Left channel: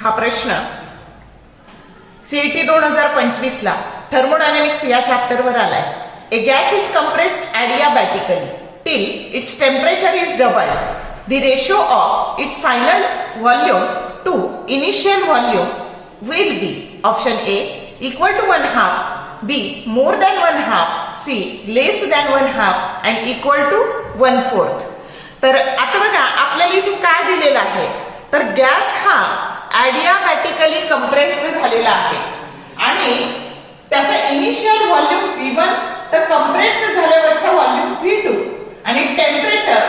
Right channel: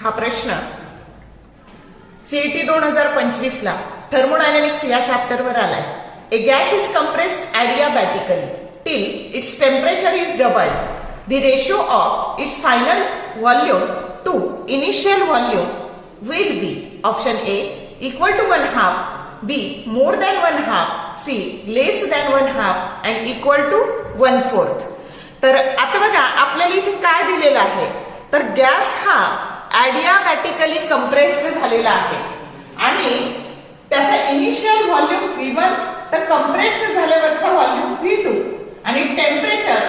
हा प्रश्न सीईटी 2025 ला थर्मोडायनेमिक्स या चॅप्टर वर आलाय. A gas is compressed adiabatically till its temperature is doubled. The ratio of its final volume to initial volume will be option A equal to 1/2, B more than 1/2, C less than 1/2 and equal to 1/4. तर आता बघा आपल्याला इथे काय दिलेलं आहे, तर gas हा adiabatically कंप्रेस्ड झालेला आहे आणि त्याचा इनिशियल व्हॉल्यूम V1 तर कंप्रेस्ड झाल्यावरचा व्हॉल्यूम V2 आणि टेम्परेचर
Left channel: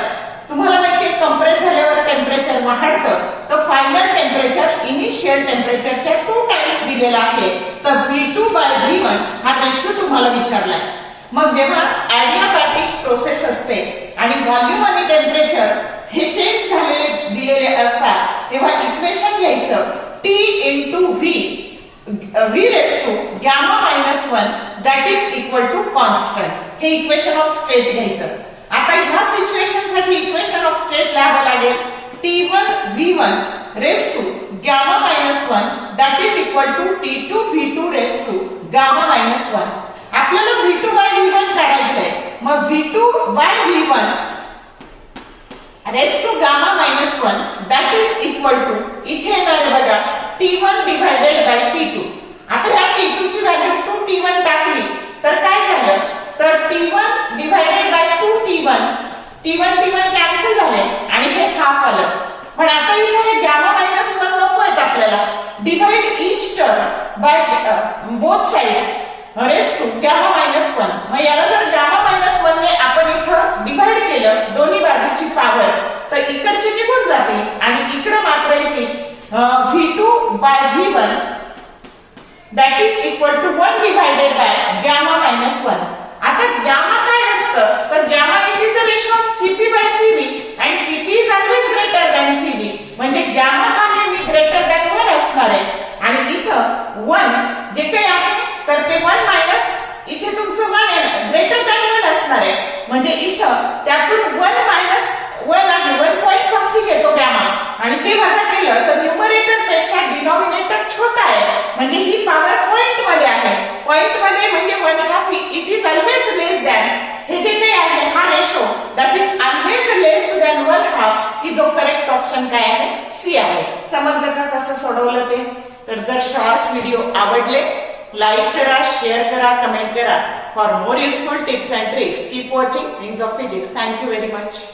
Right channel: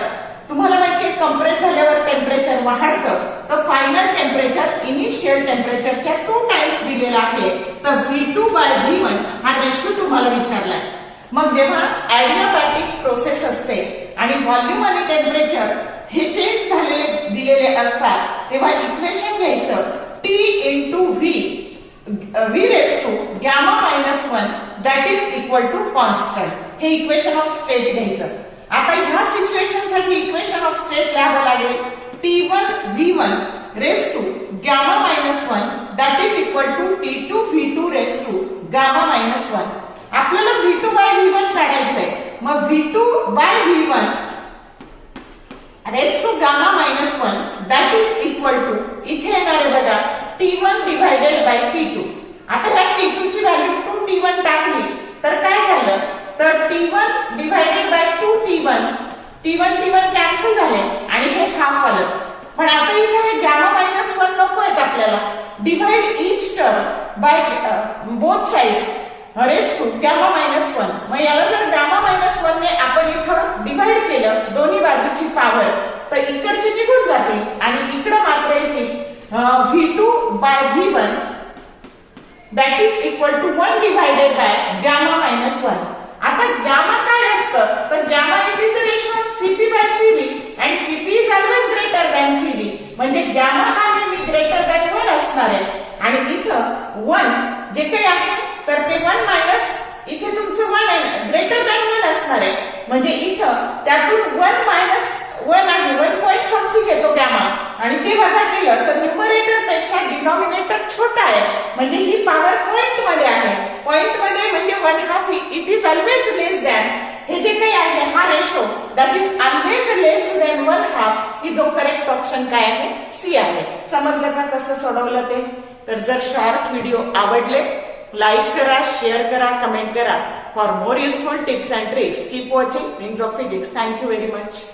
तुम्हाला माहितीये कंप्रेस झाल्यावर टेम्परेचर वाढतं, तर फायनल टेम्परेचर इनिशियल टेम्परेचरच्या 2 टाइम्स दिलेला आहे. तर V2/V1 हा रेशो तुम्हाला विचारलाय. मग जेव्हा adiabatic प्रोसेस असते आणि व्हॉल्यूम आणि टेम्परेचर हे चेंज झालेले दिलेले असतात, तेव्हा इक्वेशन घ्यायचं T into V raised to gamma minus 1 that is equal to constant. हे इक्वेशन ऑफ स्टेट घ्यायचं. आता ह्या सिच्युएशन साठी इक्वेशन ऑफ स्टेट लिहावं लागेल T1 V1 raised to gamma minus 1 that is equal to T2 V2 raised to gamma minus 1. आपल्याला V2/V1 काढायचंय. मग V2/V1 raised to gamma minus 1 that is equal to इथे येणार आहे बघा T1 divided by T2. आता ह्या T2 ची व्हॅल्यू 2T1 टाकली तर काय झालं, तर T1 divided by 2T1 T1 cancel झाले आणि हे हाफ आलं. पण आता इथे हे gamma minus 1 नको आहेत आपल्याला. Divide each term by both side raise to gamma minus 1. मग याला जर gamma minus 1 ने आपण इथं डिवाइड केलं दोन्ही बाजूची पॉवर, तर इकडची निघून जाते आणि इकडे मात्र येते V2/V1 that is equal to 1 divided by gamma minus 1. आता gamma काय असतं, तर gamma it is the ratio of CP/CV and CP is always greater than CV. म्हणजे gamma हा नेहमी greater than 1 असणार आहे आणि इथं 1 जे काही आहे तर ते 1 मायनस इथे तुमचं 1 आहे ग्रेटर दॅन 1 असणार आहे. म्हणजे इथं त्यातून 1 मायनस 1 आहे 1 पॉइंट समथिंग येतो गॅमा आणि ते वजा केलं तर न्यूमरेटर पेक्षा डिनॉमिनेटर छोटा आहे. म्हणजे ही पॉवर पॉइंट मध्ये आहे. पॉइंट मध्ये म्हणजे 1/2 it is always less than हे जे काही आहे हा ratio that is always less than 1/2 ही जो करेक्ट ऑप्शन काय आहे सी आहे. समजलं का कसं सोडवलं ते? तर जर शॉर्ट व्हिडिओ आवडले लाईक करा, शेअर करा, कमेंट करा. For more useful tips and tricks keep watching wings of physics. Thank you very much.